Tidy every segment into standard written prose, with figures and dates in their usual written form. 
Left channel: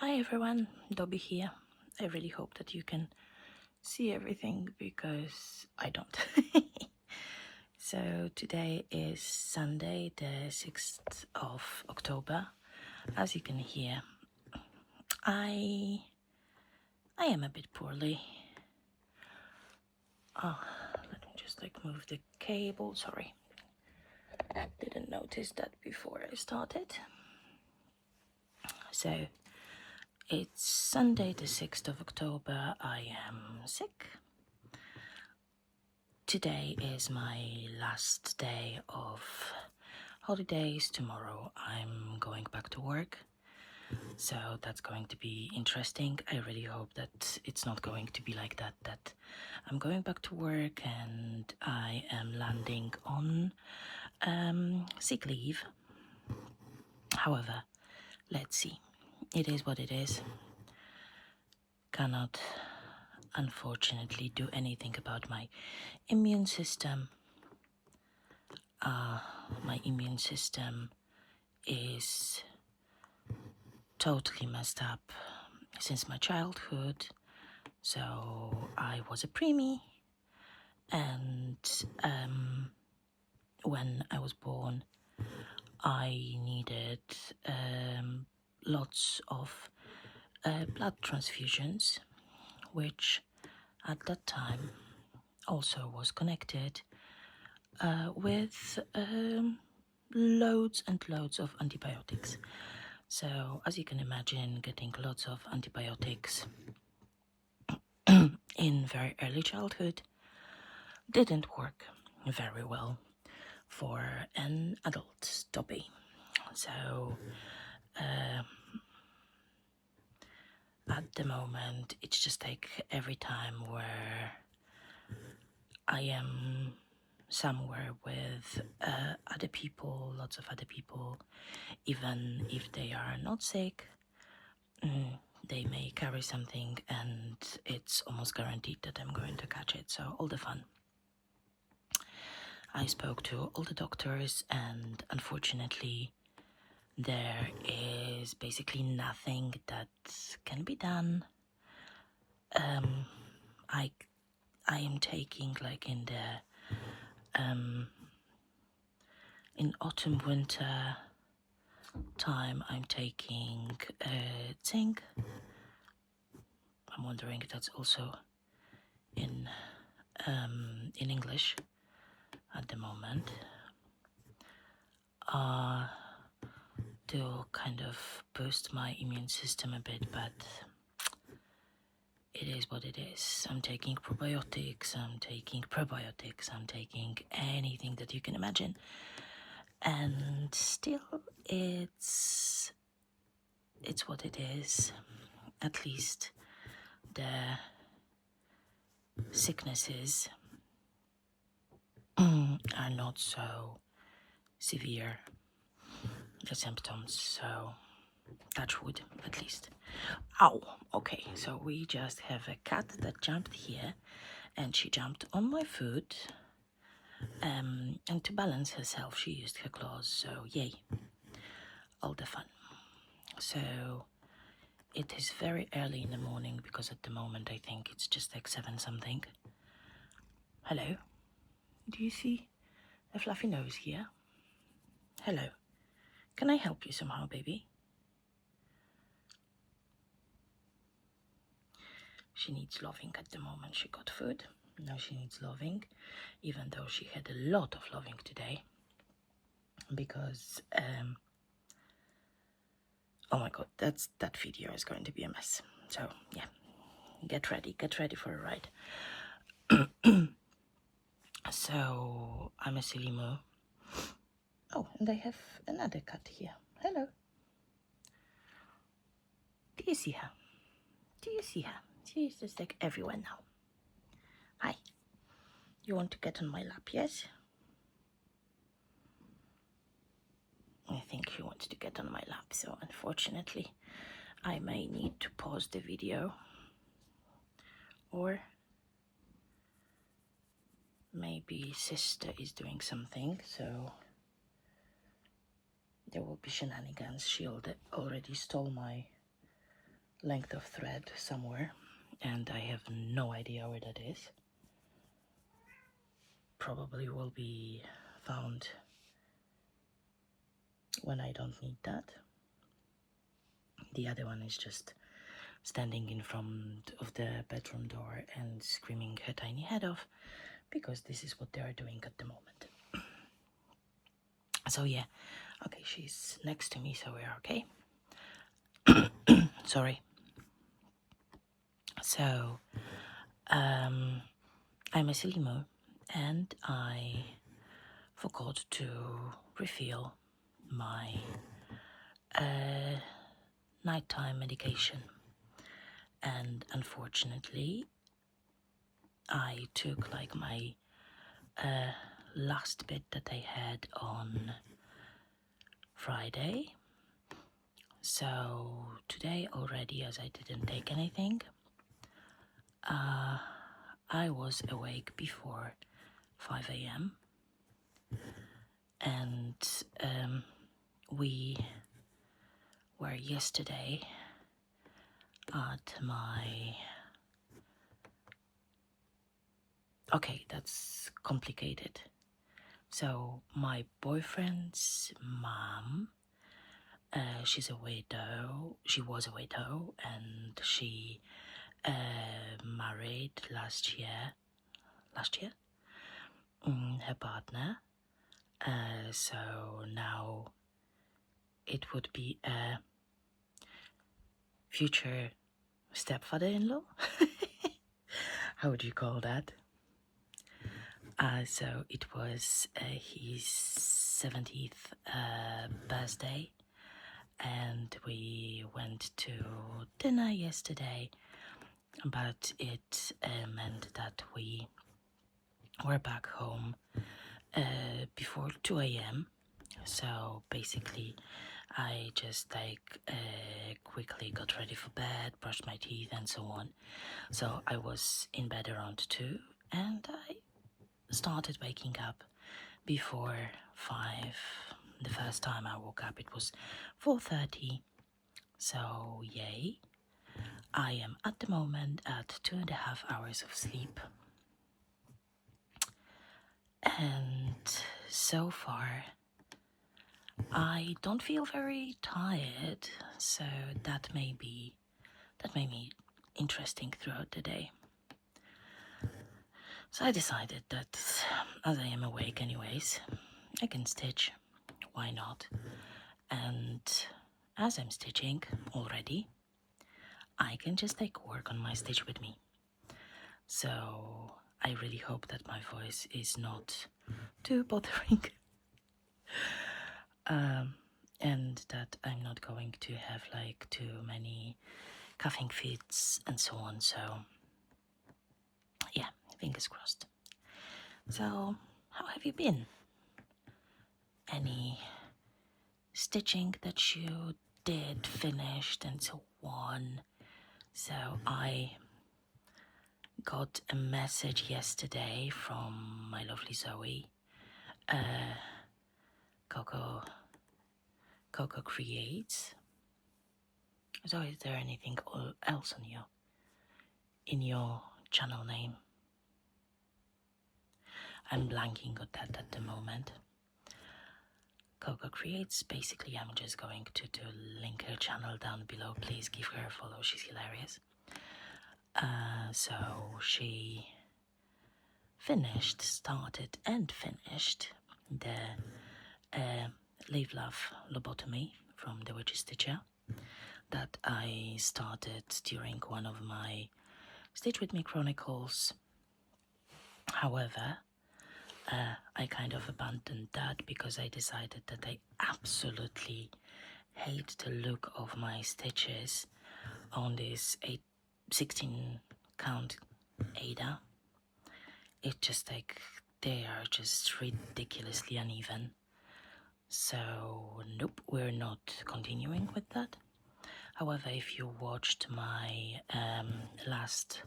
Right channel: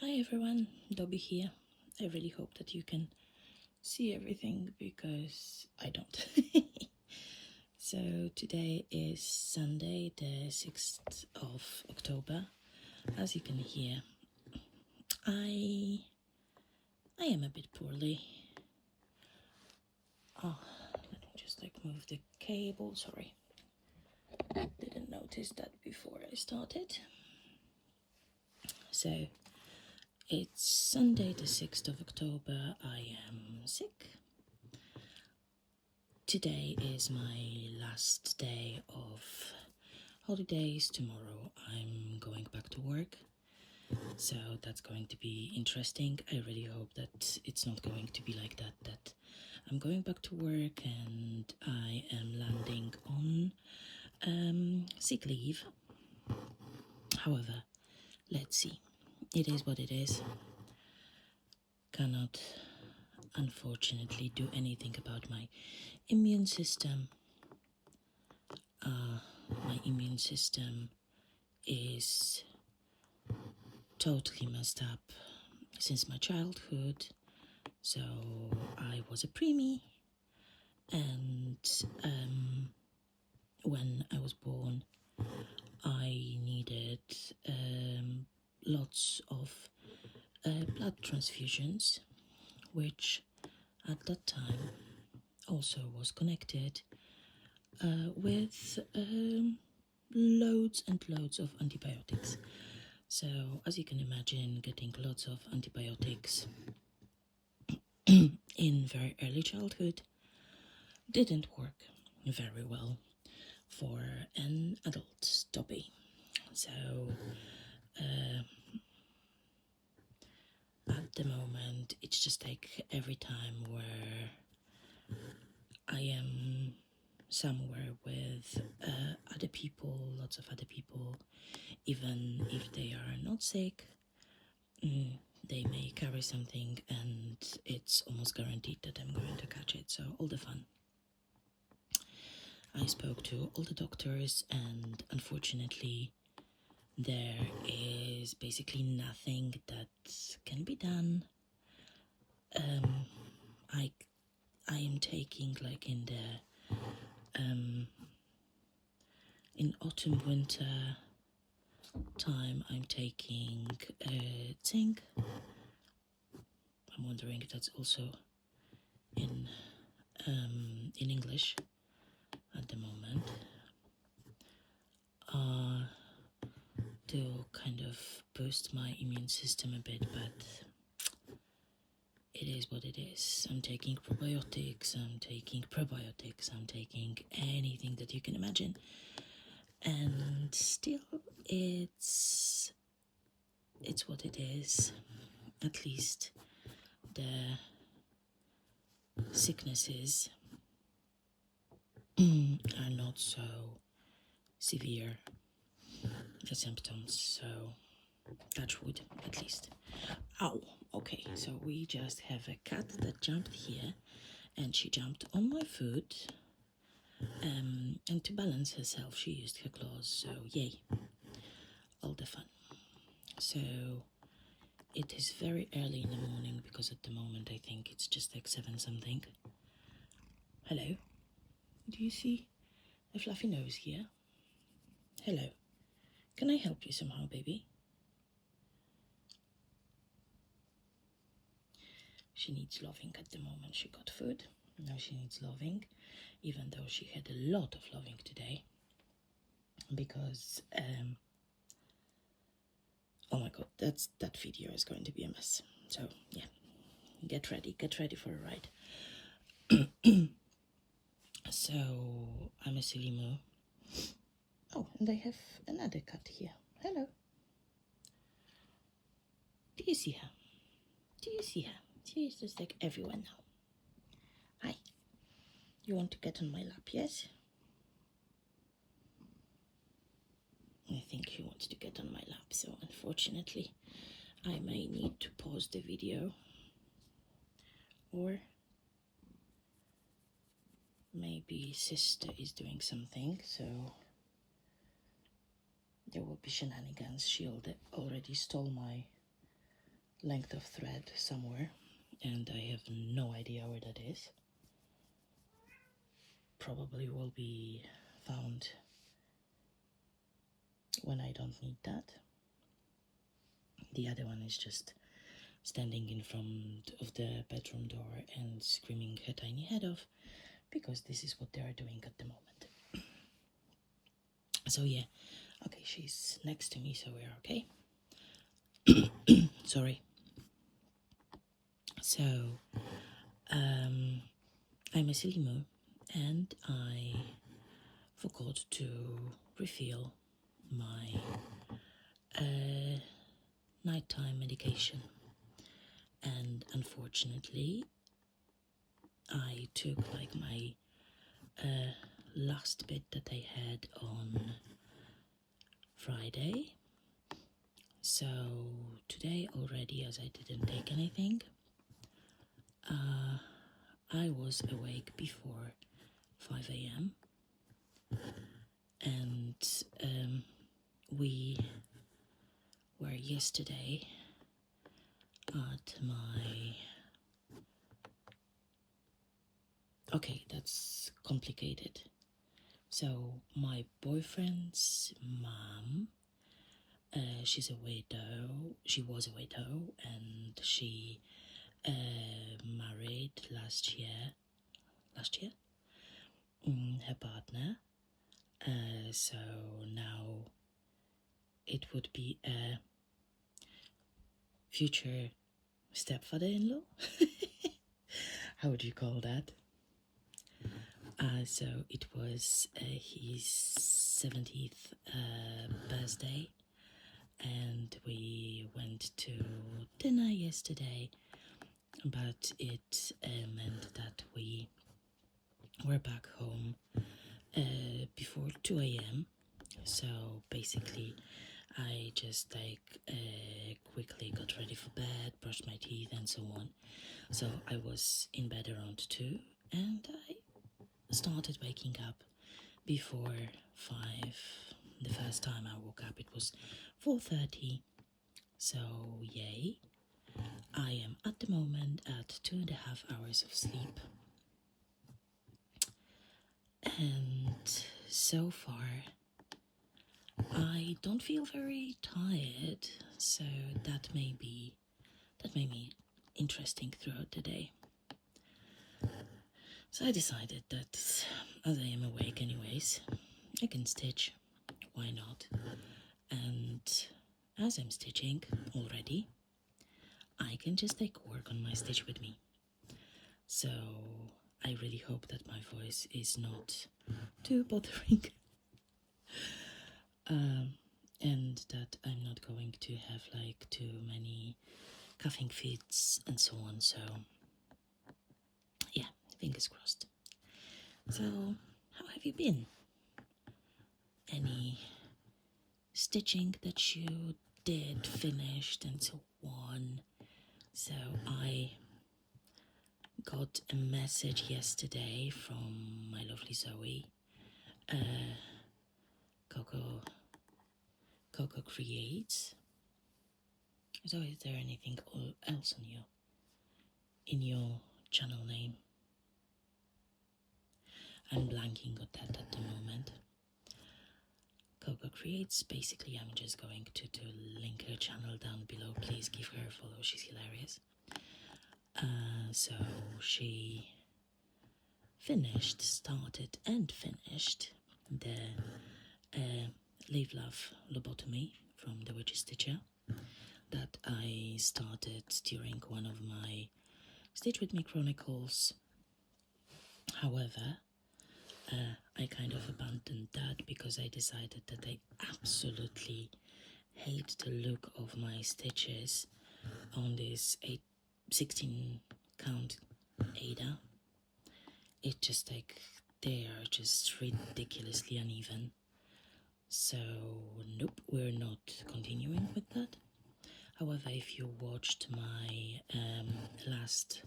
Hi everyone, Dobby here. I really hope that you can see everything because I don't. So today is Sunday, the 6th of October. As you can hear, I am a bit poorly. Oh, let me just move the cable. Sorry, didn't notice that before I started. So it's Sunday, the 6th of October. I am sick. Today is my last day of holidays. Tomorrow I'm going back to work, so that's going to be interesting. I really hope that it's not going to be like that I'm going back to work and I am landing on sick leave. However, let's see. It is what it is. Cannot unfortunately do anything about my immune system. My immune system is totally messed up since my childhood. So I was a preemie, and when I was born, I needed lots of blood transfusions, which at that time also was connected with loads and loads of antibiotics. So as you can imagine, getting lots of antibiotics in very early childhood didn't work very well for an adult Dobby. So at the moment, it's just like every time where I am somewhere with other people, lots of other people, even if they are not sick, they may carry something and it's almost guaranteed that I'm going to catch it. So all the fun. I spoke to all the doctors and unfortunately there is basically nothing that can be done. I am taking in autumn winter time, I'm taking zinc. I'm wondering if that's also in English at the moment, to kind of boost my immune system a bit, but it is what it is. I'm taking probiotics, I'm taking probiotics, I'm taking anything that you can imagine, and still it's what it is. At least the sicknesses are not so severe, the symptoms, so touch wood at least. Ow, okay, so we just have a cat that jumped here and she jumped on my foot, and to balance herself she used her claws, so yay, all the fun. So it is very early in the morning because at the moment I think it's just like 7 something. Hello, do you see a fluffy nose here? Hello, can I help you somehow, baby? She needs loving at the moment. She got food, now she needs loving, even though she had a lot of loving today because oh my god, that video is going to be a mess. So yeah, get ready for a ride. So I'm a silly moo. Oh, and I have another cat here. Hello, do you see her? Do you see her? She's just like everywhere now. Hi, you want to get on my lap? Yes, I think she wants to get on my lap, so unfortunately I may need to pause the video, or maybe sister is doing something, so there will be shenanigans. She already stole my length of thread somewhere, and I have no idea where that is. Probably will be found when I don't need that. The other one is just standing in front of the bedroom door and screaming her tiny head off, because this is what they are doing at the moment. So yeah, okay, she's next to me, so we're okay. Sorry. So, I'm a silly moo, and I forgot to refill my nighttime medication, and unfortunately I took like my last bit that I had on Friday. So today already, as I didn't take anything, I was awake before 5 a.m. and we were yesterday at my... Okay, that's complicated. So my boyfriend's mom, she's a widow. She was a widow, and she married last year. Her partner. So now it would be a future stepfather-in-law. How would you call that? So it was his 70th birthday, and we went to dinner yesterday, but it meant that we were back home before 2 a.m. So basically I just quickly got ready for bed, brushed my teeth and so on. So I was in bed around 2, and I started waking up before 5. The first time I woke up it was 4:30. So yay. I am at the moment at 2.5 hours of sleep. And so far I don't feel very tired, so that made me interesting throughout the day. So I decided that as I am awake anyways, I can stitch, why not? And as I'm stitching already, I can just work on my stitch with me. So I really hope that my voice is not too bothering. And that I'm not going to have too many coughing fits and so on. So yeah, fingers crossed. So how have you been? Any stitching that you did, finished and so on? So I got a message yesterday from my lovely Zoe, Coco Creates. So is there anything else on in your channel name? I'm blanking on that at the moment. Coco Creates, basically I'm just going to link her channel down below. Please give her a follow, she's hilarious. So she started and finished the Leave Love Lobotomy from the Witch's Stitcher that I started during one of my Stitch With Me Chronicles. However, I kind of abandoned that because I decided that I absolutely hate the look of my stitches on this 16 count aida. It just they are just ridiculously uneven. So nope, we're not continuing with that. However, if you watched my last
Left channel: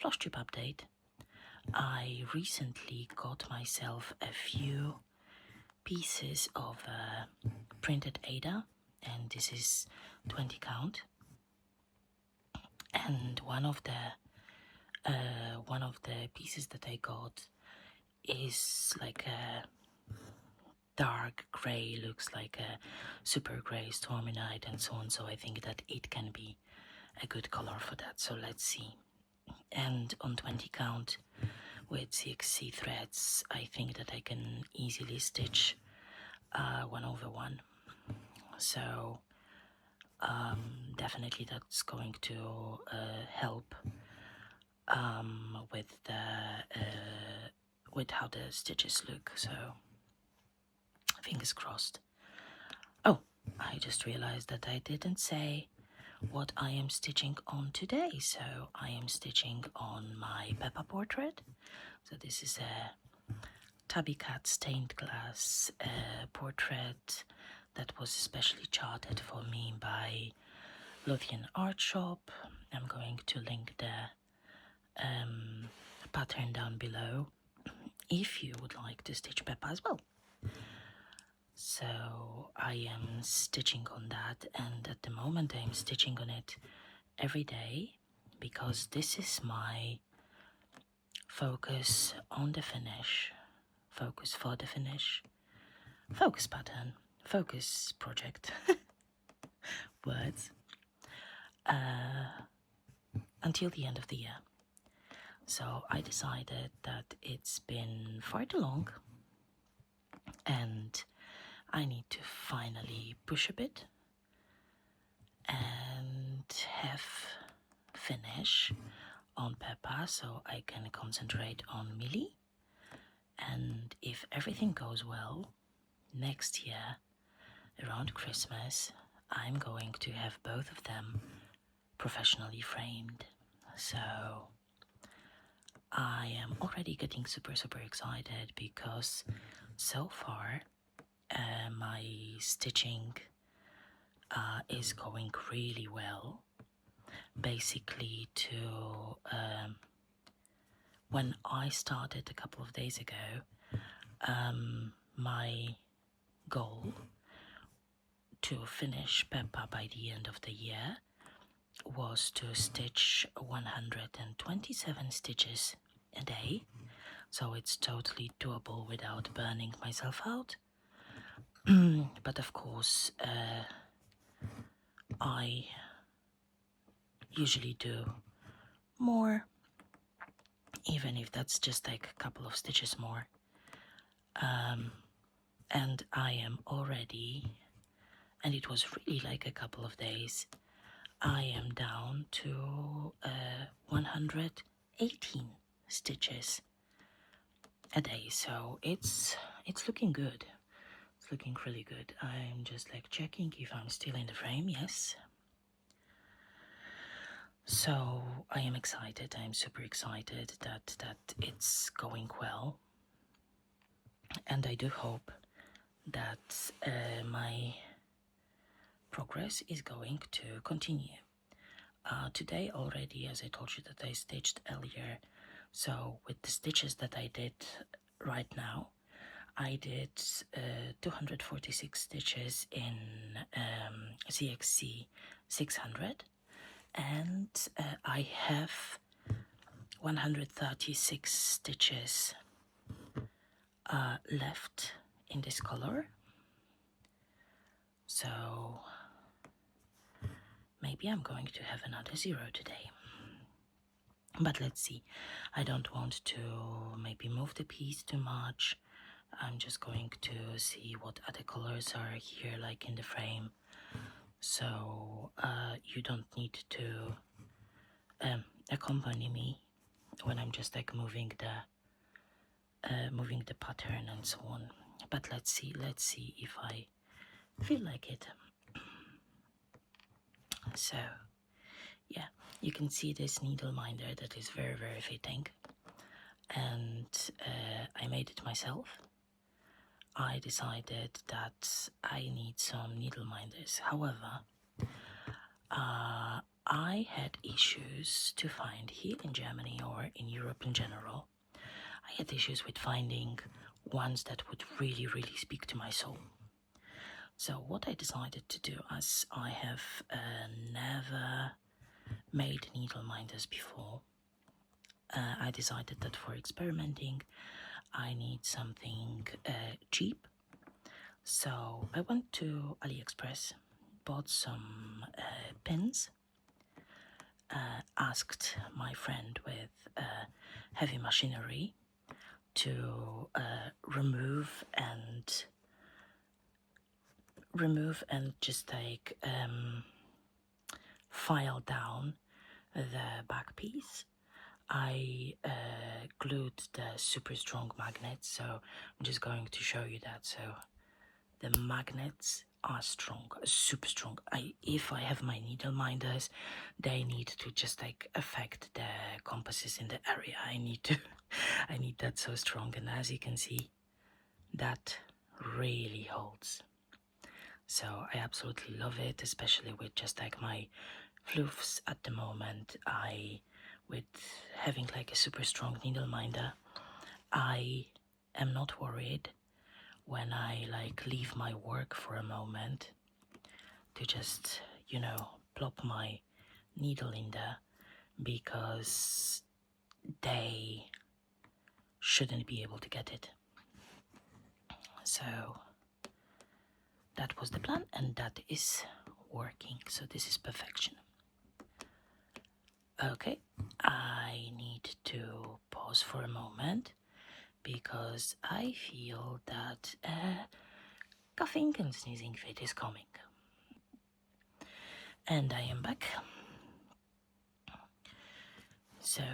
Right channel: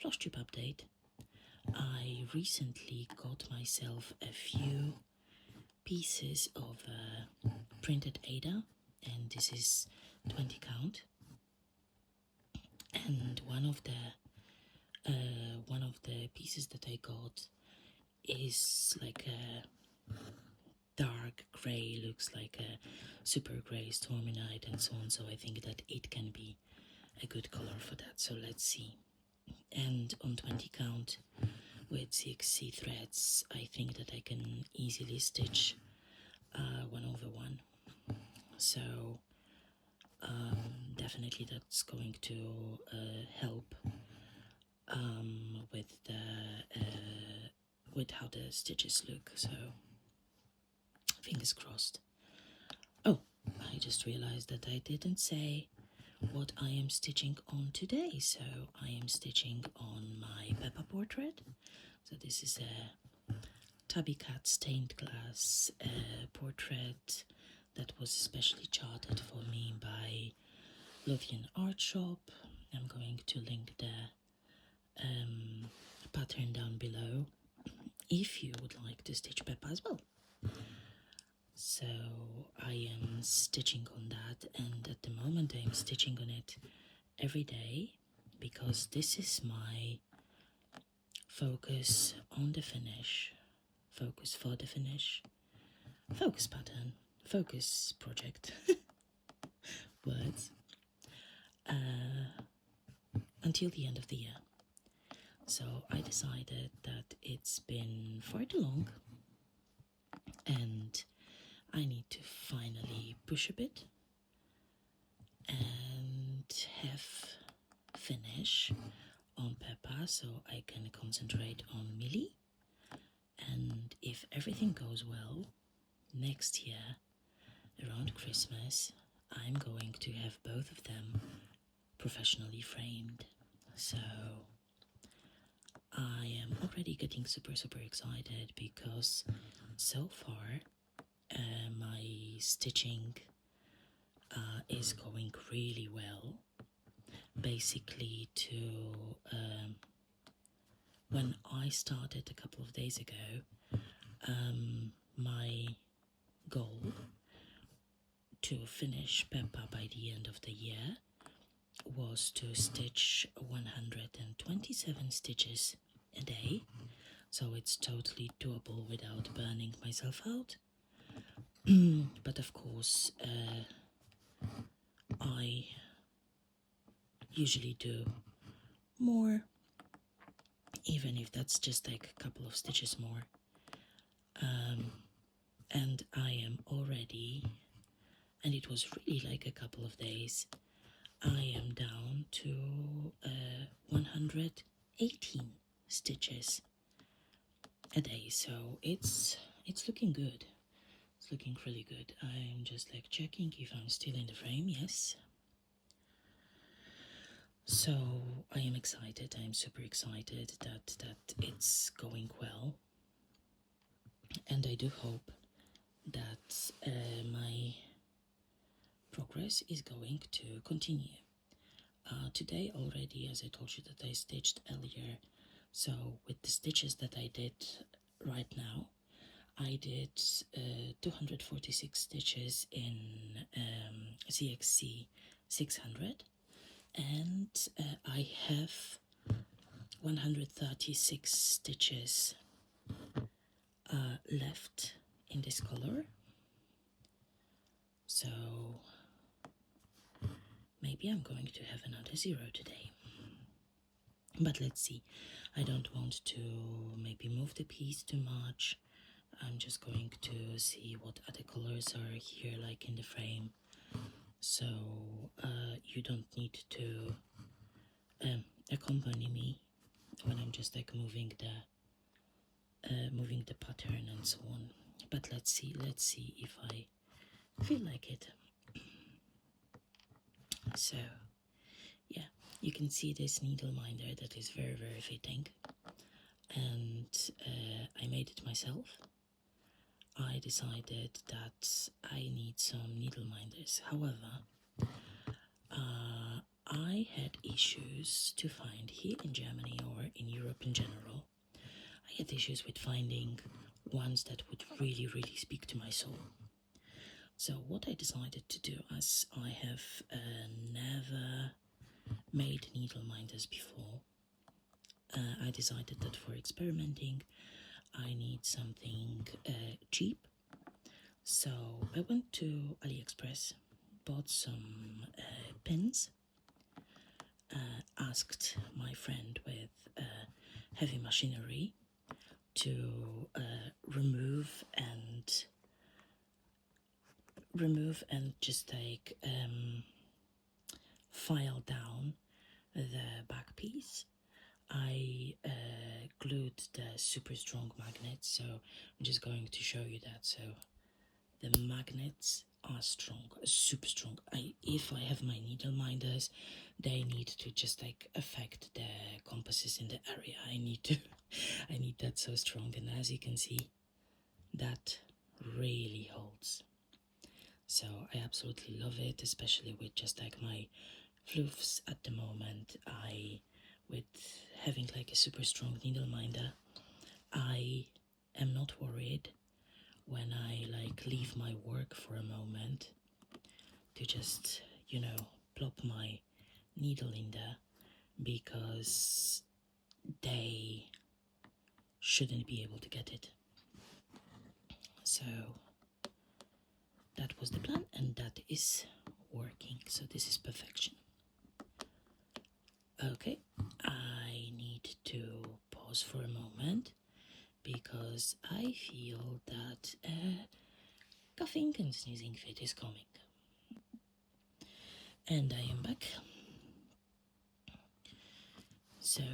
Floss Tube update, I recently got myself a few pieces of printed aida, and this is 20 count. and one of the pieces that I got is like a dark grey, looks like a super grey stormy night and so on, so I think that it can be a good color for that. So let's see. And on 20 count with CXC threads, I think that I can easily stitch 1/1. So definitely that's going to help with how the stitches look. So fingers crossed. Oh, I just realized that I didn't say what I am stitching on today. So I am stitching on my Peppa portrait. So this is a Tabby Cat stained glass portrait that was specially charted for me by Lothian Art Shop. I'm going to link the pattern down below if you would like to stitch Peppa as well. So I am stitching on that, and at the moment I'm stitching on it every day because this is my focus on the finish, focus for the finish, focus pattern, focus project, words, until the end of the year. So I decided that it's been far too long and I need to finally push a bit and have finish on Peppa so I can concentrate on Millie. And if everything goes well, next year around Christmas I'm going to have both of them professionally framed. So I am already getting super excited because so far my stitching is going really well. Basically, when I started a couple of days ago, my goal to finish Peppa by the end of the year was to stitch 127 stitches a day, so it's totally doable without burning myself out. But of course I usually do more, even if that's just like a couple of stitches more. And I am already, and it was really like a couple of days, I am down to 118 stitches a day, so it's looking good. It's looking really good. I'm just like checking if I'm still in the frame. Yes. So I am excited. I'm super excited that it's going well, and I do hope that my progress is going to continue. Today already, as I told you that I stitched earlier, so with the stitches that I did right now, I did 246 stitches in CXC 600, and I have 136 stitches left in this color. So maybe I'm going to have another 0 today. But let's see. I don't want to maybe move the piece too much. I'm just going to see what other colors are here, like in the frame. So you don't need to accompany me when I'm just like moving the pattern and so on. But let's see if I feel like it. So yeah, you can see this needle minder that is very fitting, and I made it myself. I decided that I need some needle minders. However, I had issues to find here in Germany or in Europe in general. I had issues with finding ones that would really speak to my soul. So what I decided to do, as I have never made needle minders before, I decided that for experimenting I need something cheap. So I went to AliExpress, bought some pins, asked my friend with heavy machinery to remove and just like file down the back piece. I glued the super strong magnets, so I'm just going to show you that. So the magnets are strong, super strong. If I have my needle minders, they need to just like affect the compasses in the area. I need that so strong, and as you can see, that really holds. So I absolutely love it, especially with just like my floofs at the moment. With having like a super strong needle minder, I am not worried when I like leave my work for a moment to just, plop my needle in there, because they shouldn't be able to get it. So that was the plan, and that is working. So this is perfection. Okay, I need to pause for a moment because I feel that coughing and sneezing fit is coming. And I am back. So,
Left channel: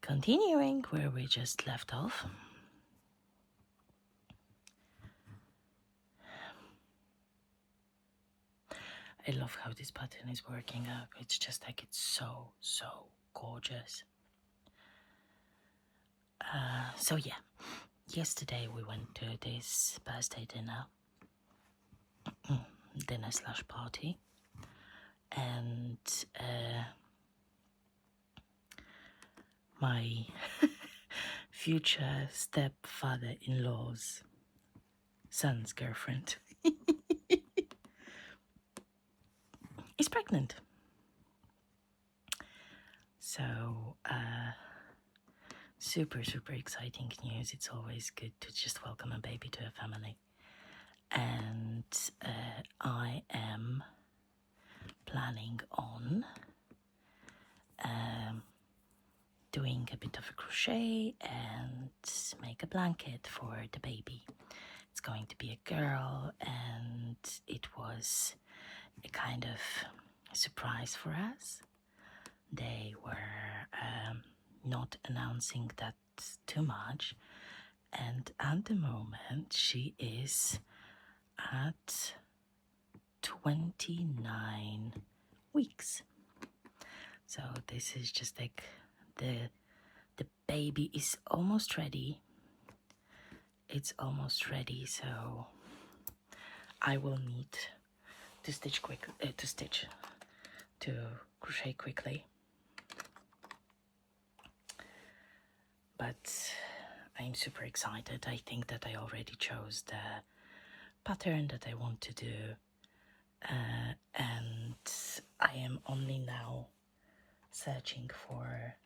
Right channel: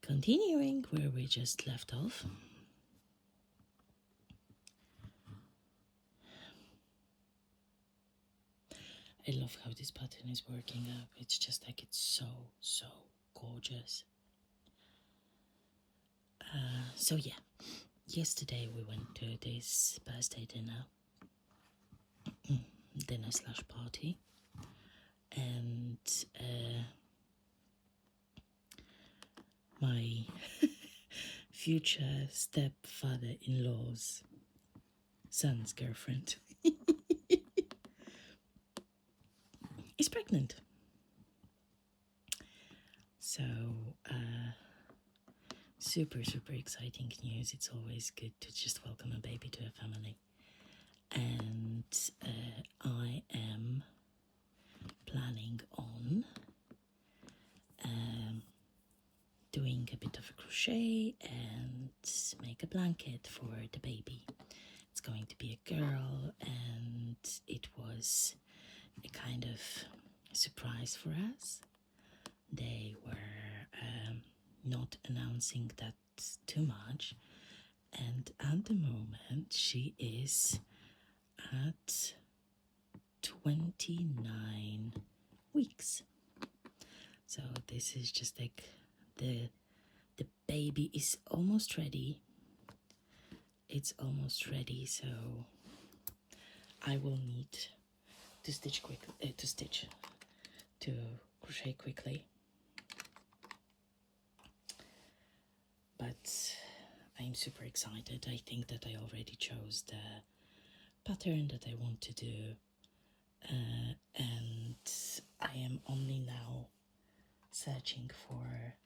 continuing where we just left off. I love how this pattern is working out. It's just like, it's so gorgeous. So yeah, yesterday we went to this birthday dinner/party, and my future stepfather-in-law's son's girlfriend is pregnant. So super exciting news. It's always good to just welcome a baby to a family. And I am planning on doing a bit of a crochet and make a blanket for the baby. It's going to be a girl, and it was a kind of surprise for us. They were not announcing that too much, and at the moment she is at 29 weeks. So this is just like the baby is almost ready. It's almost ready, so I will need to crochet quickly. But I'm super excited. I think that I already chose the pattern that I want to do, and I am only now searching for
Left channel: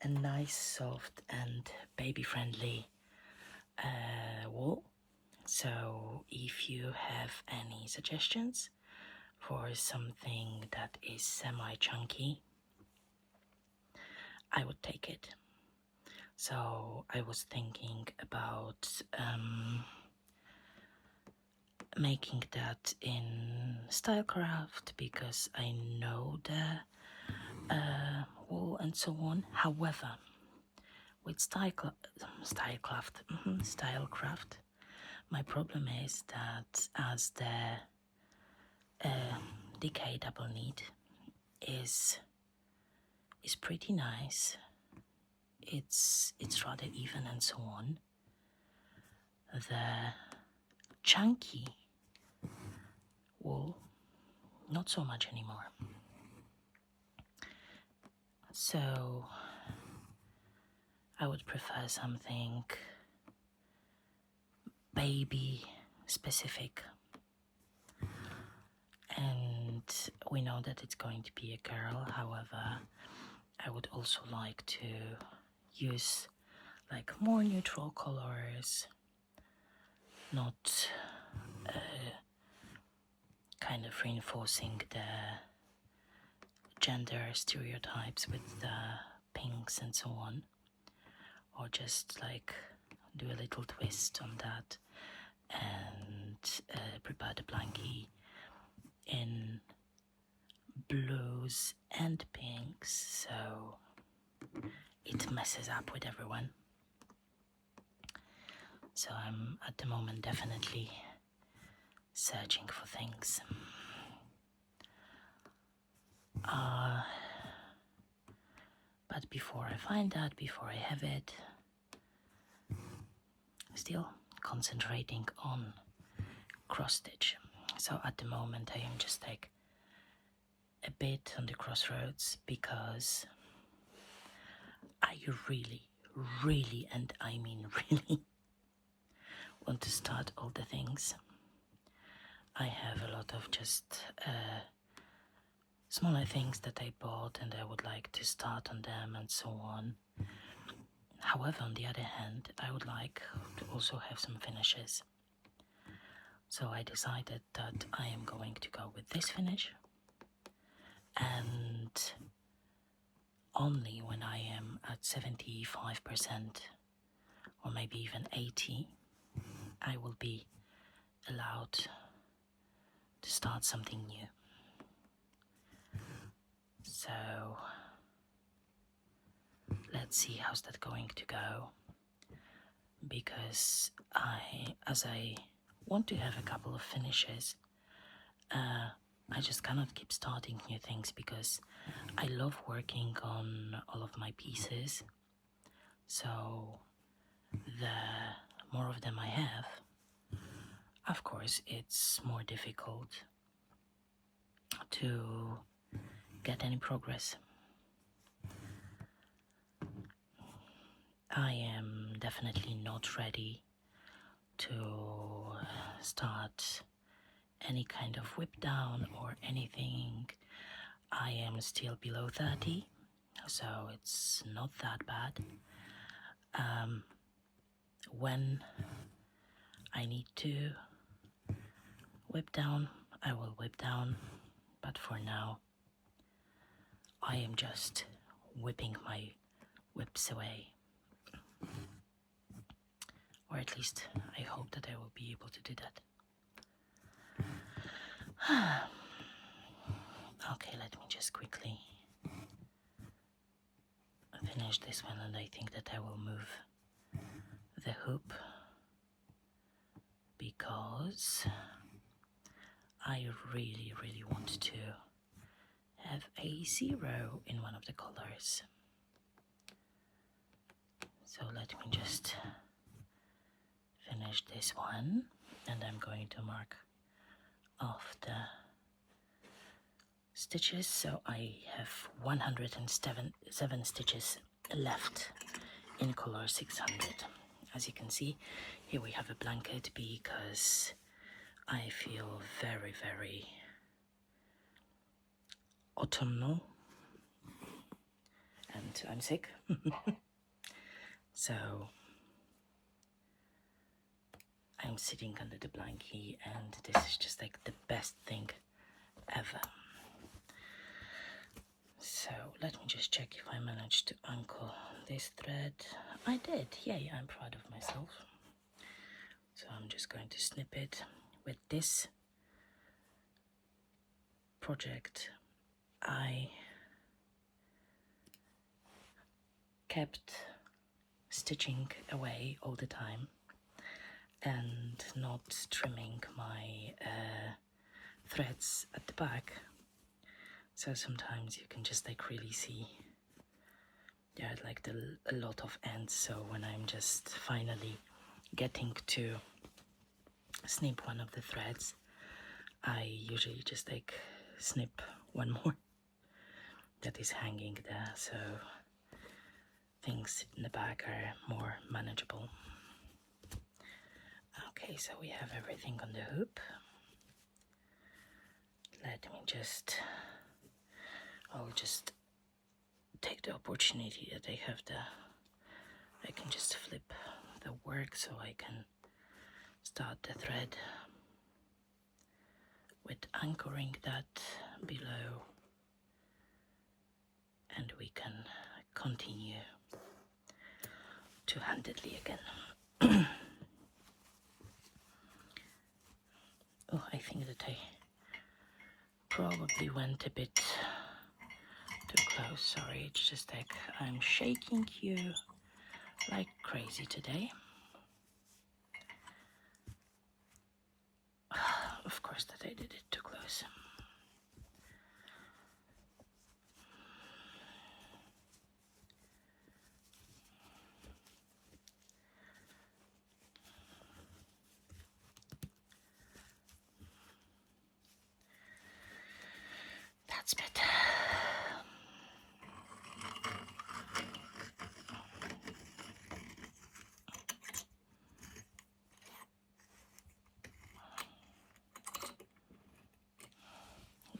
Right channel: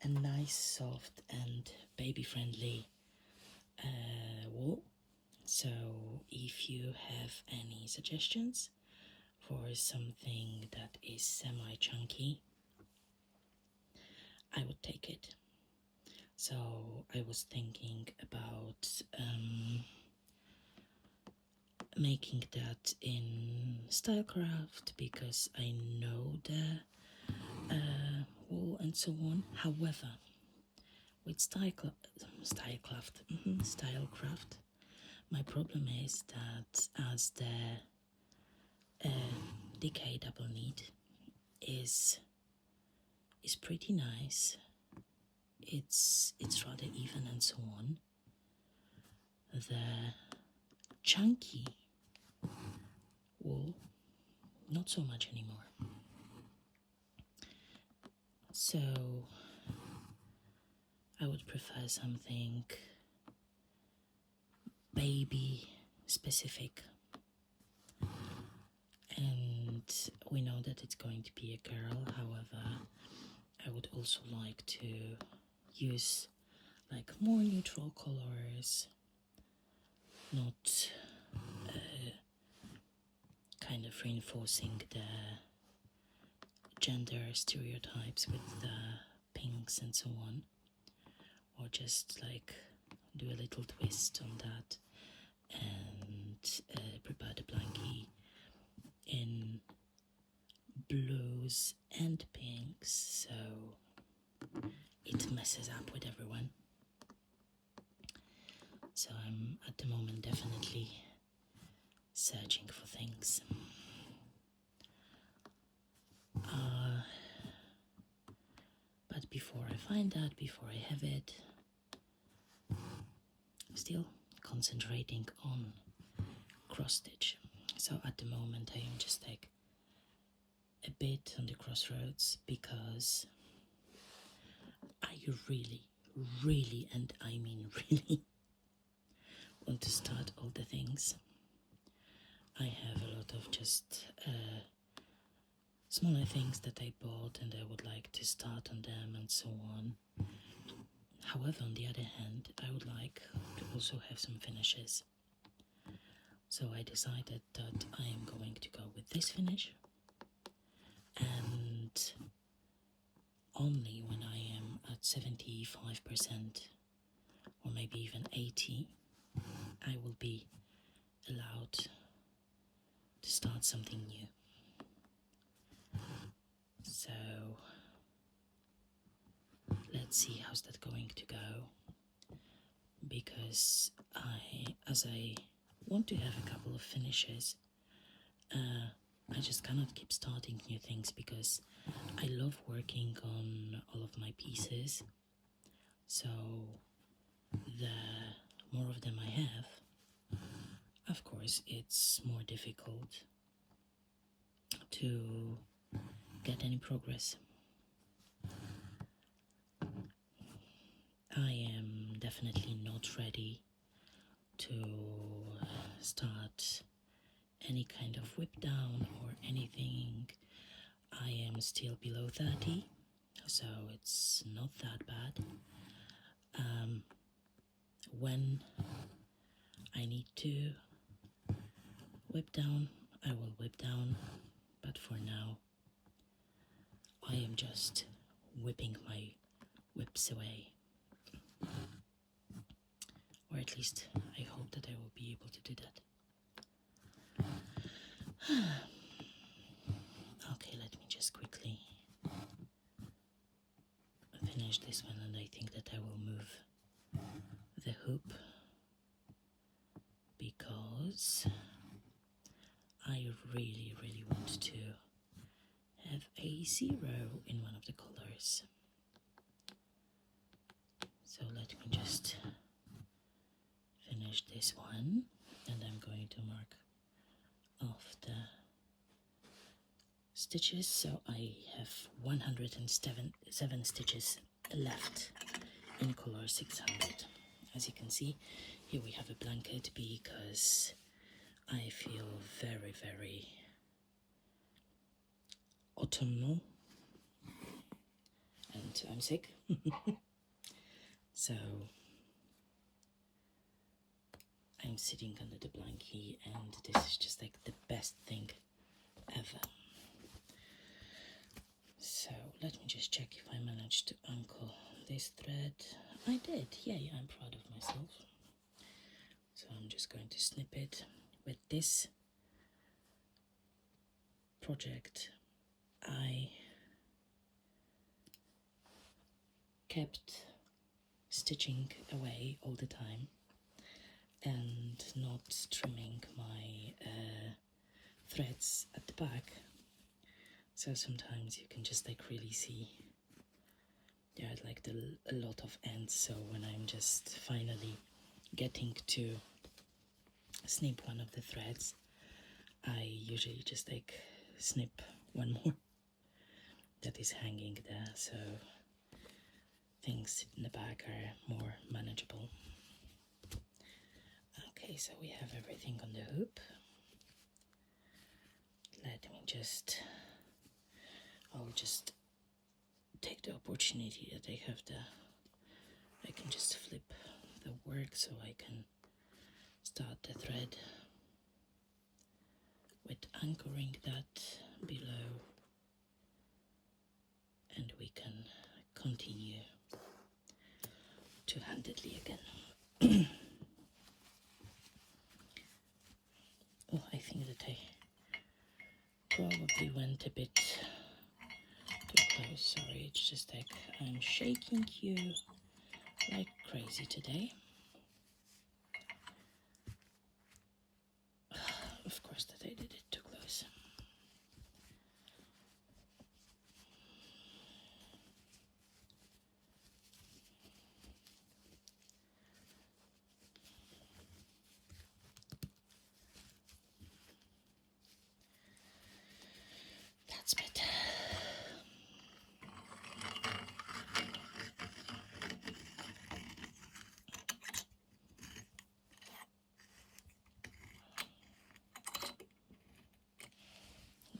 a nice, soft and baby-friendly wool. So if you have any suggestions for something that is semi-chunky, I would take it. So I was thinking about making that in Stylecraft, because I know the wool and so on. However, with Stylecraft, my problem is that as the DK double knit is pretty nice, it's rather even and so on, the chunky wool, not so much anymore. So I would prefer something baby specific. And we know that it's going to be a girl. However, I would also like to use like more neutral colors, not kind of reinforcing the gender stereotypes with the pinks and so on, or just like do a little twist on that and prepare the blankie in blues and pinks, so it messes up with everyone. So I'm at the moment definitely searching for things. But before I find that, before I have it, still concentrating on cross stitch. So at the moment I am just like a bit on the crossroads because I really, and I mean really, want to start all the things. I have a lot of just smaller things that I bought and I would like to start on them and so on. However, on the other hand, I would like to also have some finishes. So I decided that I am going to go with this finish, and only when I am at 75% or maybe even 80%, I will be allowed to start something new. So let's see how's that going to go, because as I want to have a couple of finishes, I just cannot keep starting new things because I love working on all of my pieces. So the more of them I have, of course it's more difficult to get any progress. I am definitely not ready to start any kind of whip down or anything. I am still below 30, so it's not that bad. When I need to whip down, I will whip down, but for now I am just whipping my whips away. Or at least I hope that I will be able to do that. Okay, let me just quickly finish this one, and I think that I will move the hoop because I really want to have a 0 in one of the colors. So let me just finish this one, and I'm going to mark off the stitches. So I have 107 stitches left in color 600. As you can see, here we have a blanket because I feel very autumnal and I'm sick. So I'm sitting under the blankie, and this is just like the best thing ever. So let me just check if I managed to uncle this thread. I did, yay, I'm proud of myself. So I'm just going to snip it. With this project, I kept stitching away all the time and not trimming my threads at the back. So sometimes you can just like really see there are like a lot of ends. So when I'm just finally getting to snip one of the threads, I usually just like snip one more that is hanging there, so things in the back are more manageable. Okay, so we have everything on the hoop. Let me just I'll just take the opportunity that I have I can just flip the work so I can start the thread with anchoring that below, and we can continue two-handedly again. Oh, I think that I probably went a bit too close. Sorry, it's just like I'm shaking you like crazy today. Of course that I did it too close. That's better.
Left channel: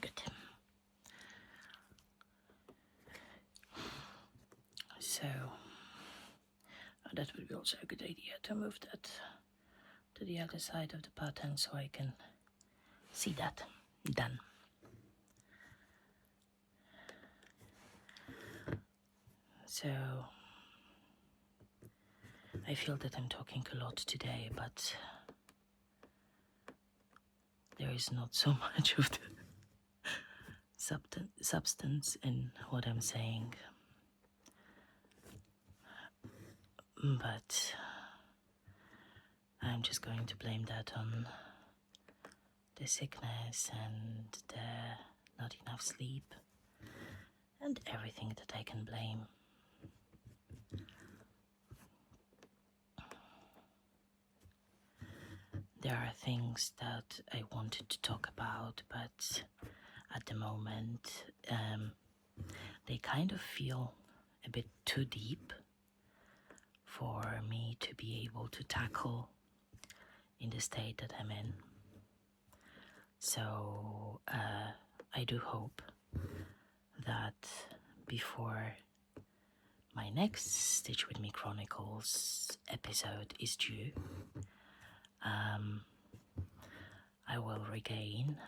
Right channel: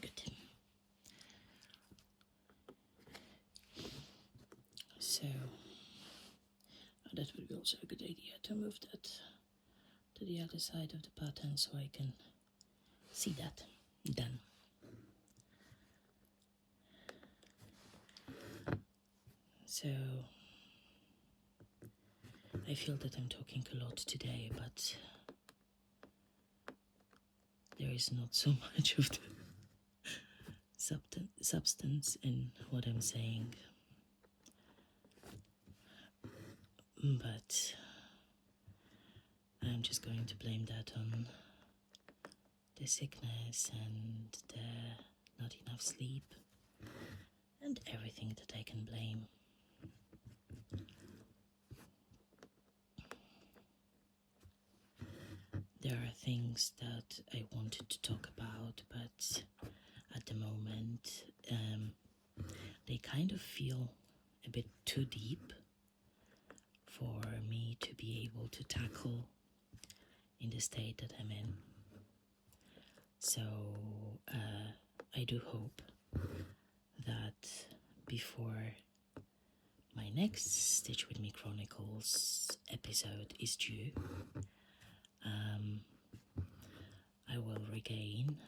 Good. So that would be also a good idea to move that to the other side of the pattern so I can see that done. So I feel that I'm talking a lot today, but there is not so much of the substance in what I'm saying. But I'm just going to blame that on the sickness and the not enough sleep and everything that I can blame. There are things that I wanted to talk about, but at the moment they kind of feel a bit too deep for me to be able to tackle in the state that I'm in. So I do hope that before my next Stitch With Me Chronicles episode is due, I will regain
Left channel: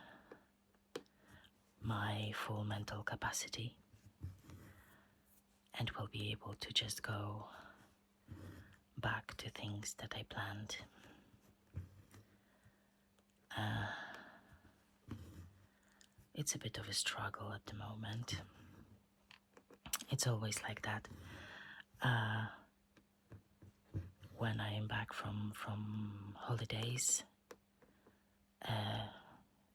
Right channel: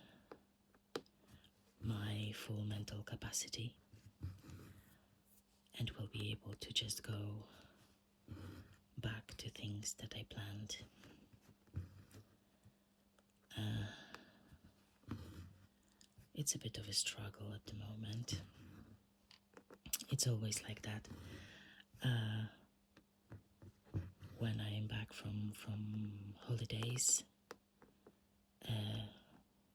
my full mental capacity and will be able to just go back to things that I planned. It's a bit of a struggle at the moment. It's always like that. When I am back from holidays,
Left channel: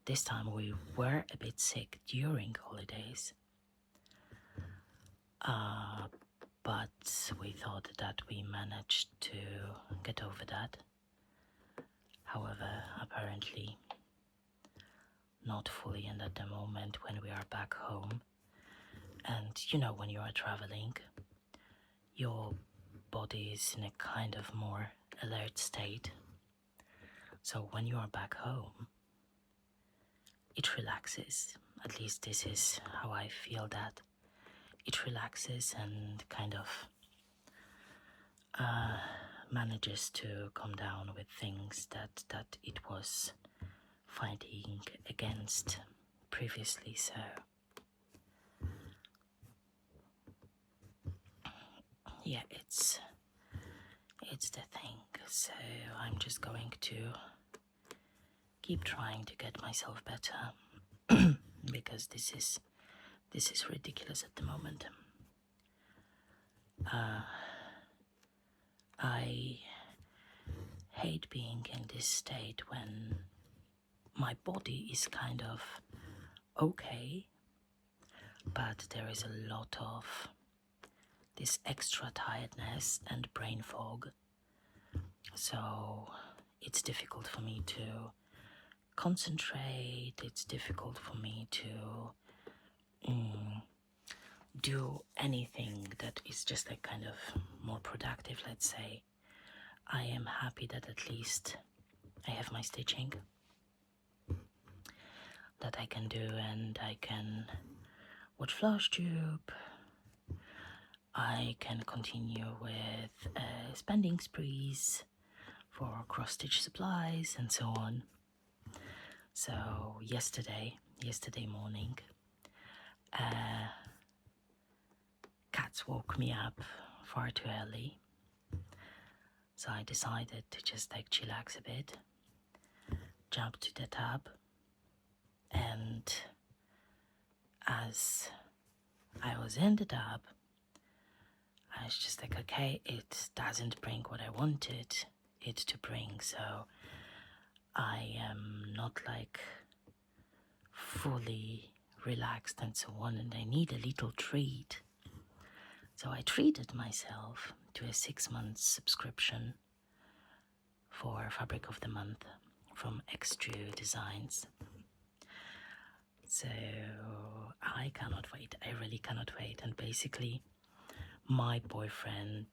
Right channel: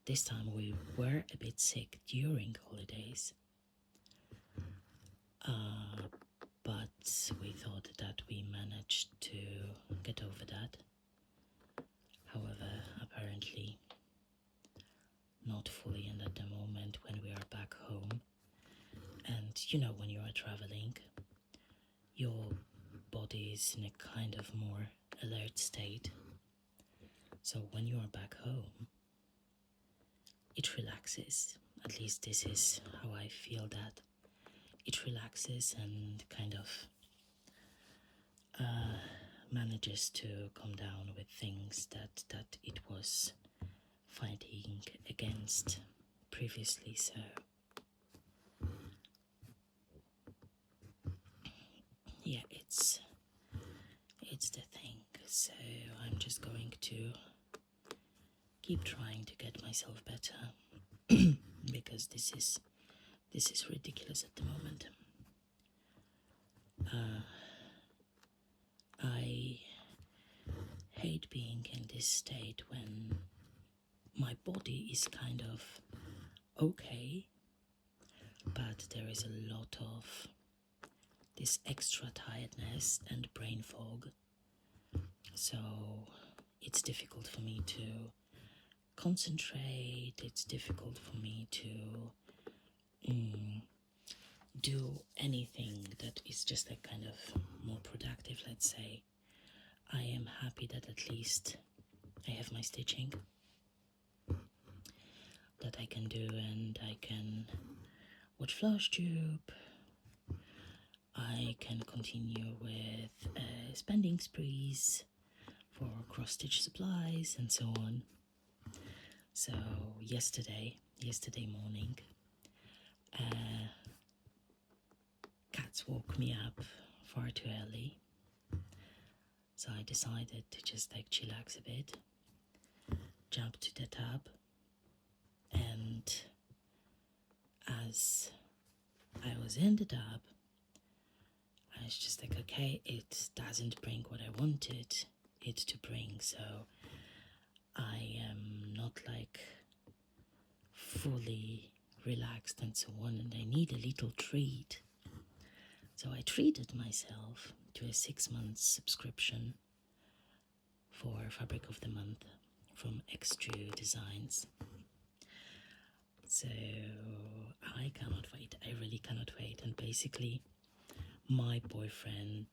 this time we were a bit sick during holidays, but we thought that we managed to get over that. However, apparently not fully, and at the moment when we are back home, and you know, when you are traveling, your body is in a kind of more alert state. So when you are back home, it relaxes. At least this is how I feel, that it relaxes and kind of manages to come down with things that it was fighting against previously. So yeah, it's the thing. So I'm just going to keep trying to get myself better because this is ridiculous at the moment. I hate being in this state when my body is kind of okay, but there is a lot of this extra tiredness and brain fog. So it's difficult for me to concentrate, it's difficult for me to do anything that is just like kind of more productive, let's say. I am happy that at least I have my stitching that I can do, and I can watch Flash Tube. I can continue with spending sprees for cross-stitch supplies and so on. So yesterday morning, cats woke me up far too early. So I decided to just like chillax a bit, jump to the tub, and as I was in the tub, I was just like, okay, it doesn't bring what I wanted it to bring, so I am not like fully relaxed and so on, and I need a little treat. So I treated myself to a 6-month subscription for Fabric of the Month from Extrude Designs. So I cannot wait. I really cannot wait. And basically, my boyfriend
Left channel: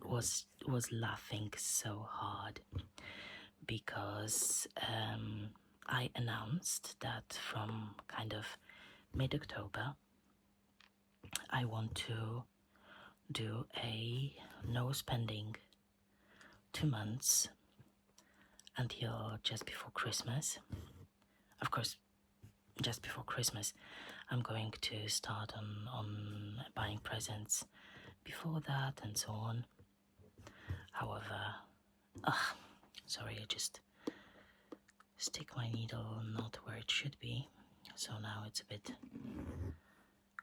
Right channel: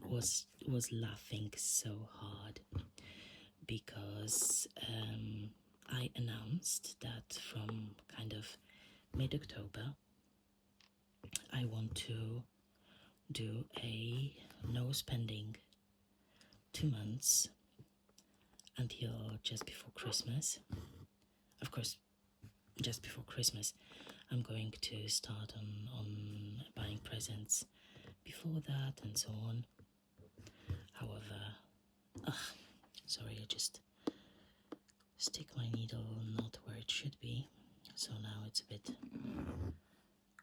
was laughing so hard because I announced that from kind of mid-October I want to do a no spending 2 months until just before Christmas. Of course, just before Christmas I'm going to start on buying presents before that and so on. However, sorry, I just stick my needle not where it should be, so now it's a bit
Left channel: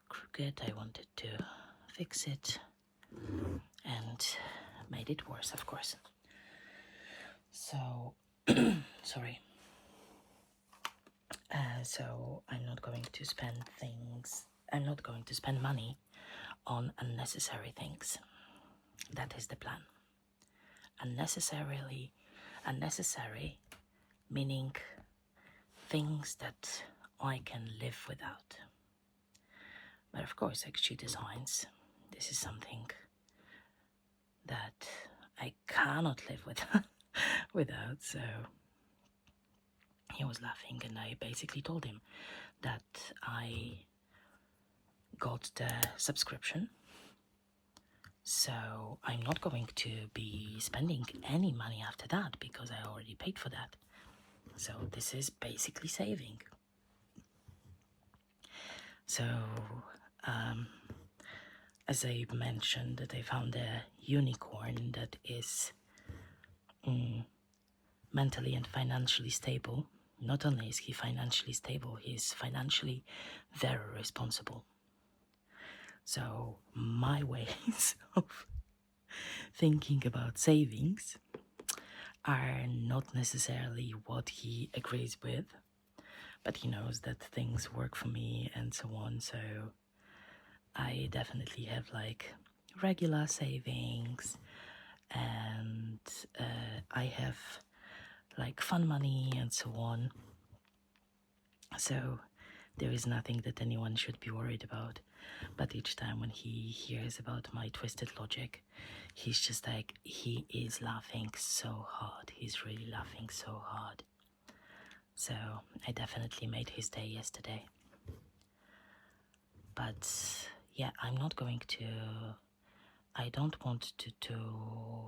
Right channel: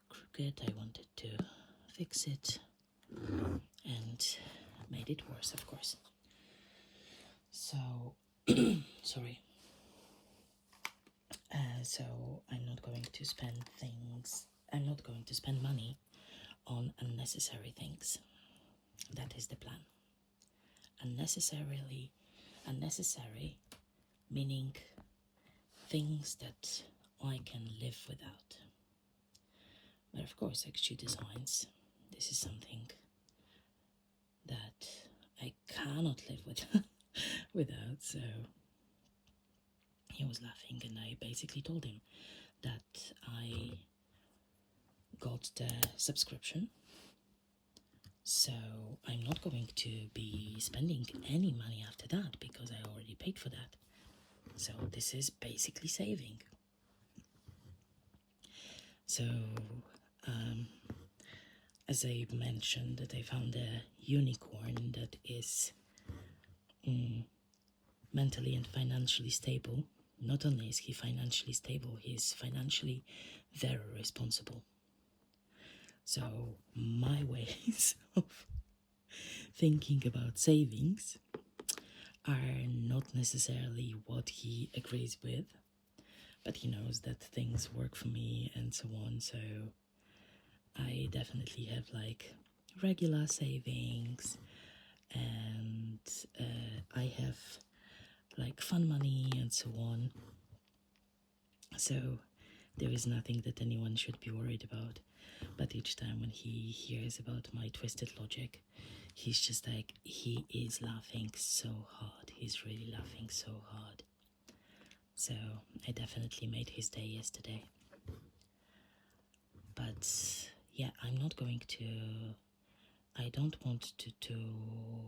crooked. I wanted to fix it and made it worse, of course. So sorry. So I'm not going to spend money on unnecessary things. That is the plan. Unnecessary meaning things that I can live without. But of course, Extrude Designs, this is something that I cannot live without. So he was laughing, and I basically told him that I got the subscription, so I'm not going to be spending any money after that because I already paid for that. So this is basically saving. So as I mentioned, that I found a unicorn that is mentally and financially stable. Not only is he financially stable, he is financially very responsible. So my ways of thinking about savings are not necessarily what he agrees with, but he knows that things work for me and so on. So I definitely have like regular savings, and I have like fun money and so on. So there is nothing that anyone should be worried about. But each time when he hears about my twisted logic, he's just like, he is laughing so hard. He's really laughing so hard. So I definitely made his day yesterday. But yeah, I don't want to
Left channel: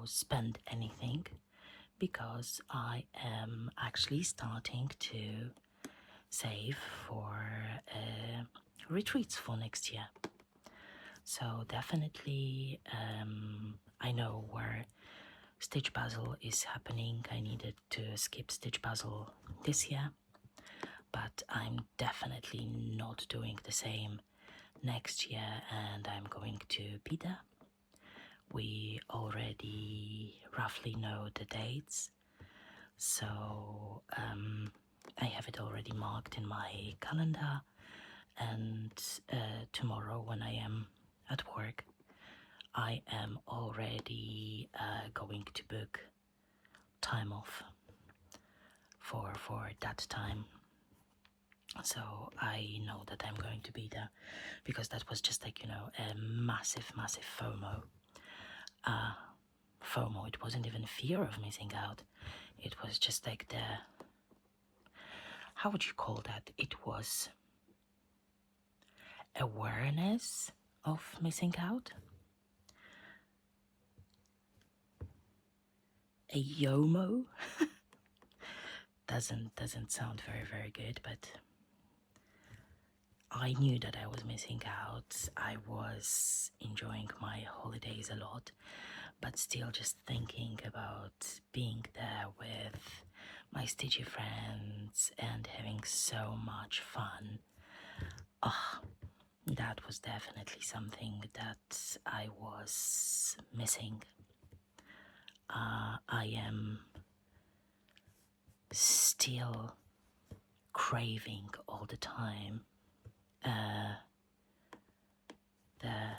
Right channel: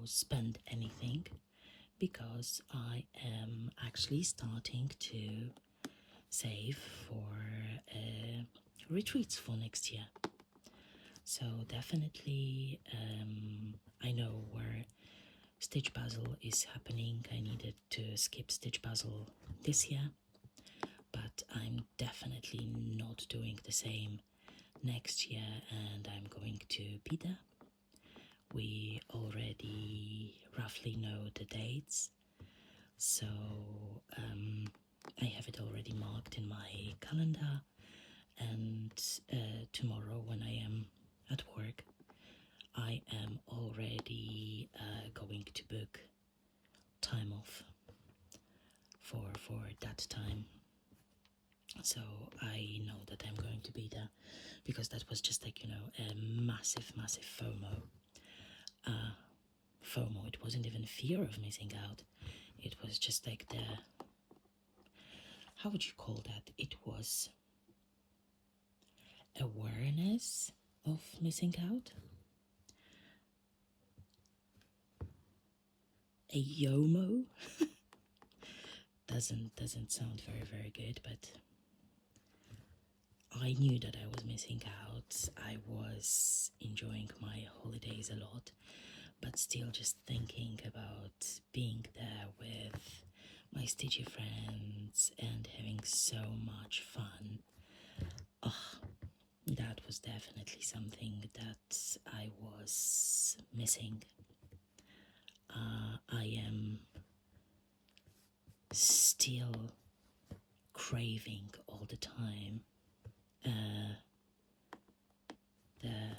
spend anything because I am actually starting to save for retreats for next year. So definitely I know where Stitch Puzzle is happening. I needed to skip Stitch Puzzle this year, but I'm definitely not doing the same next year, and I'm going to be there. We already roughly know the dates, so I have it already marked in my calendar, and tomorrow when I am at work, I am already going to book time off for that time. So I know that I'm going to be there, because that was just like, a massive FOMO. FOMO, it wasn't even fear of missing out. It was just like how would you call that? It was awareness of missing out. A YOMO doesn't sound very good, but I knew that I was missing out. I was enjoying my holidays a lot, but still just thinking about being there with my stitchy friends and having so much fun. That was definitely something that I was missing. I am still craving all the time the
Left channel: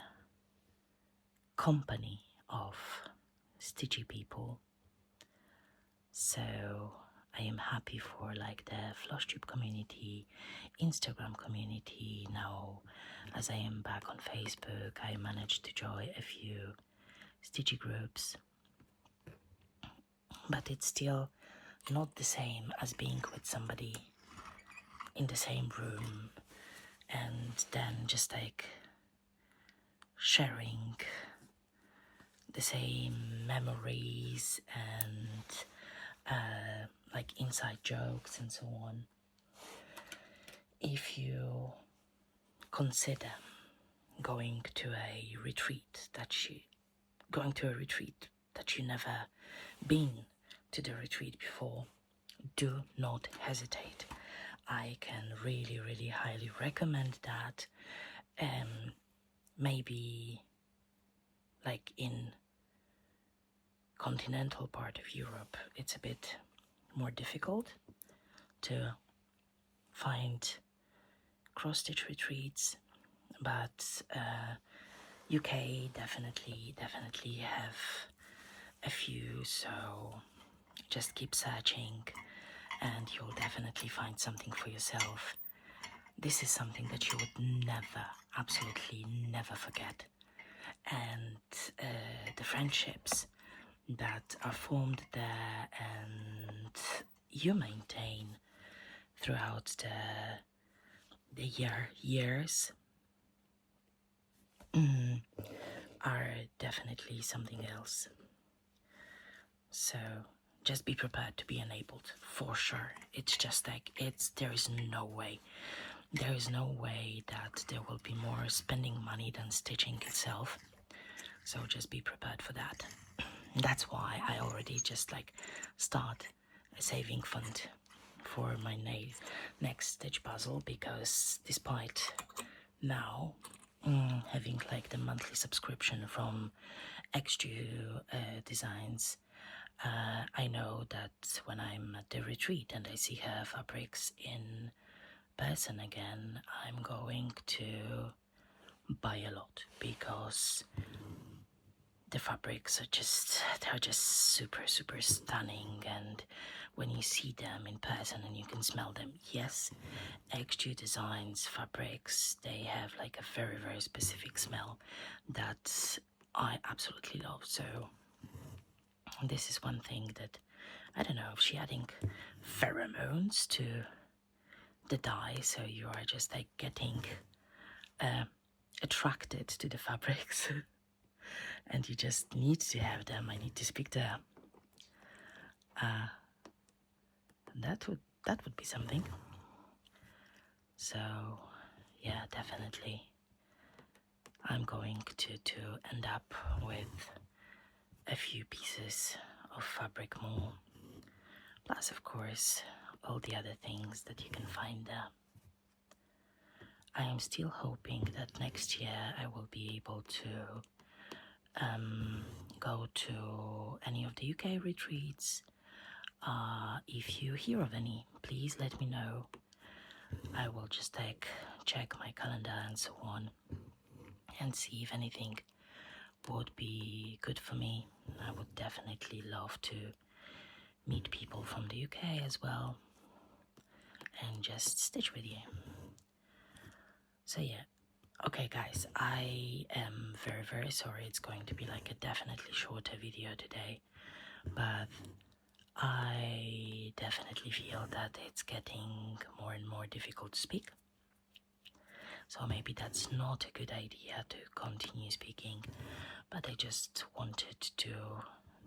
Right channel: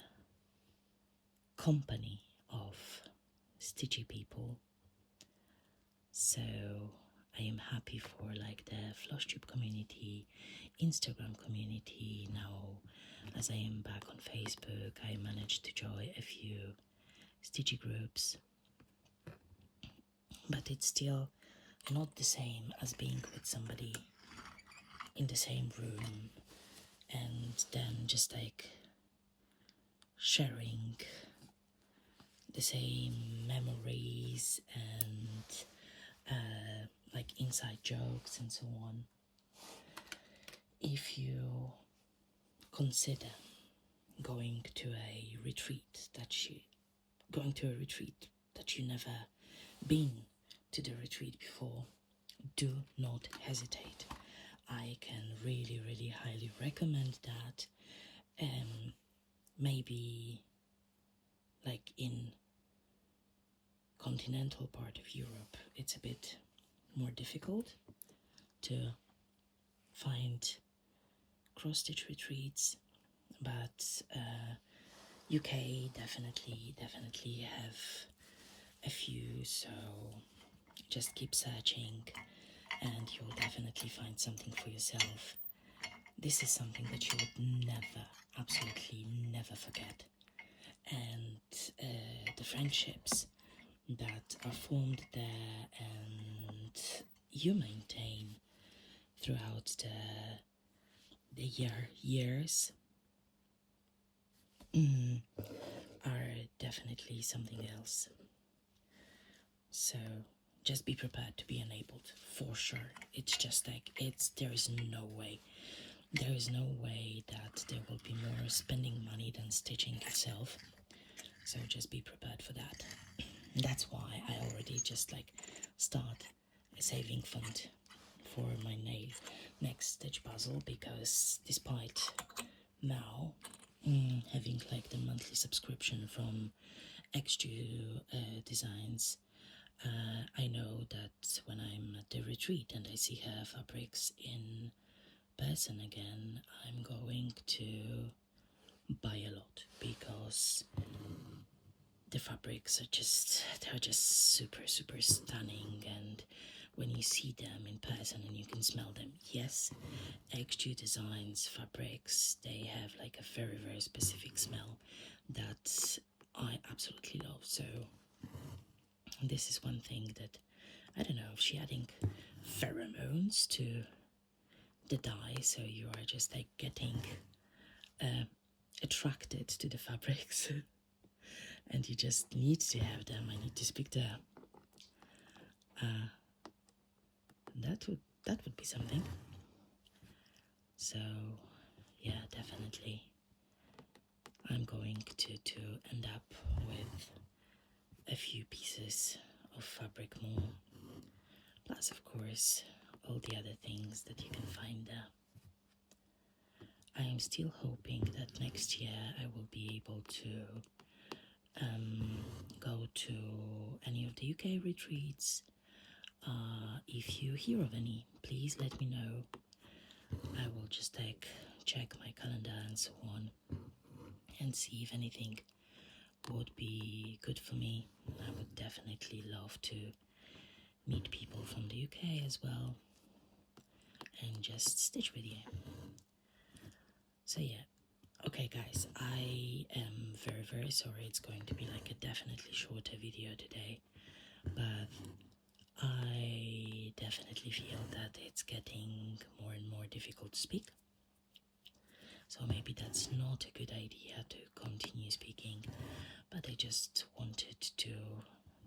company of stitchy people. So I am happy for like the FlossTube community, Instagram community. Now as I am back on Facebook, I managed to join a few stitchy groups, but it's still not the same as being with somebody in the same room and then just like sharing the same memories and like inside jokes and so on. If you consider going to a retreat that you never been to the retreat before, do not hesitate. I can really highly recommend that. Maybe like in continental part of Europe, it's a bit more difficult to find cross-stitch retreats, but UK definitely have a few, so just keep searching and you'll definitely find something for yourself. This is something that you would never, absolutely never forget. And the friendships that are formed there and you maintain throughout the years are definitely something else. So just be prepared to be enabled for sure. It's just like there is no way that there will be more spending money than stitching itself. So just be prepared for that. That's why I already just like start a saving fund for my next stitch puzzle, because despite now having like the monthly subscription from XG Designs, I know that when I'm at the retreat and I see her fabrics in person again, I'm going to buy a lot, because the fabrics they're just super stunning, and when you see them in person and you can smell them, yes, XG Designs fabrics, they have like a very specific smell that I absolutely love. So this is one thing that I don't know if she adding pheromones to the dye, so you are just like getting attracted to the fabrics and you just need to have them. I need to speak to her. That would be something. So yeah, definitely I'm going to end up with a few pieces of fabric more, plus of course all the other things that you can find there. I am still hoping that next year I will be able to go to any of the UK retreats. If you hear of any, please let me know. I will just like check my calendar and so on and see if anything would be good for me. I would definitely love to meet people from the UK as well and just stitch with you. So yeah, okay guys, I am very sorry. It's going to be like a definitely shorter video today, but I definitely feel that it's getting more and more difficult to speak. So maybe that's not a good idea to continue speaking, but I just wanted to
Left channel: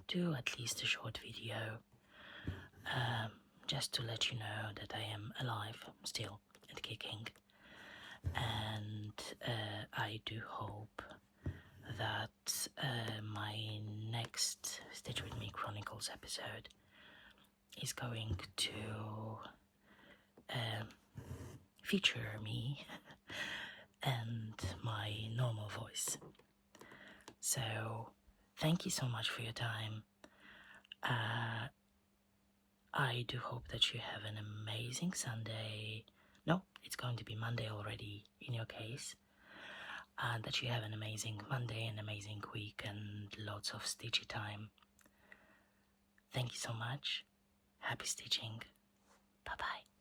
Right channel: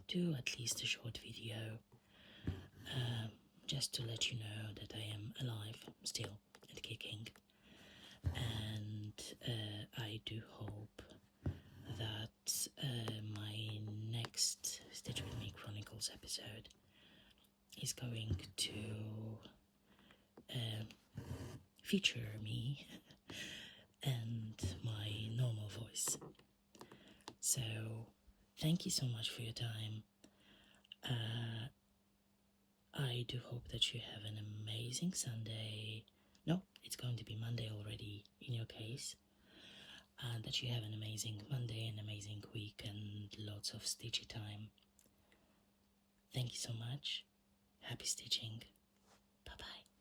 do at least a short video, just to let you know that I am alive still and kicking. And I do hope that my next SWM Chronicles episode is going to feature me and my normal voice. So thank you so much for your time. I do hope that you have an amazing Sunday. No, it's going to be Monday already in your case. And that you have an amazing Monday, an amazing week, and lots of stitchy time. Thank you so much. Happy stitching. Bye-bye.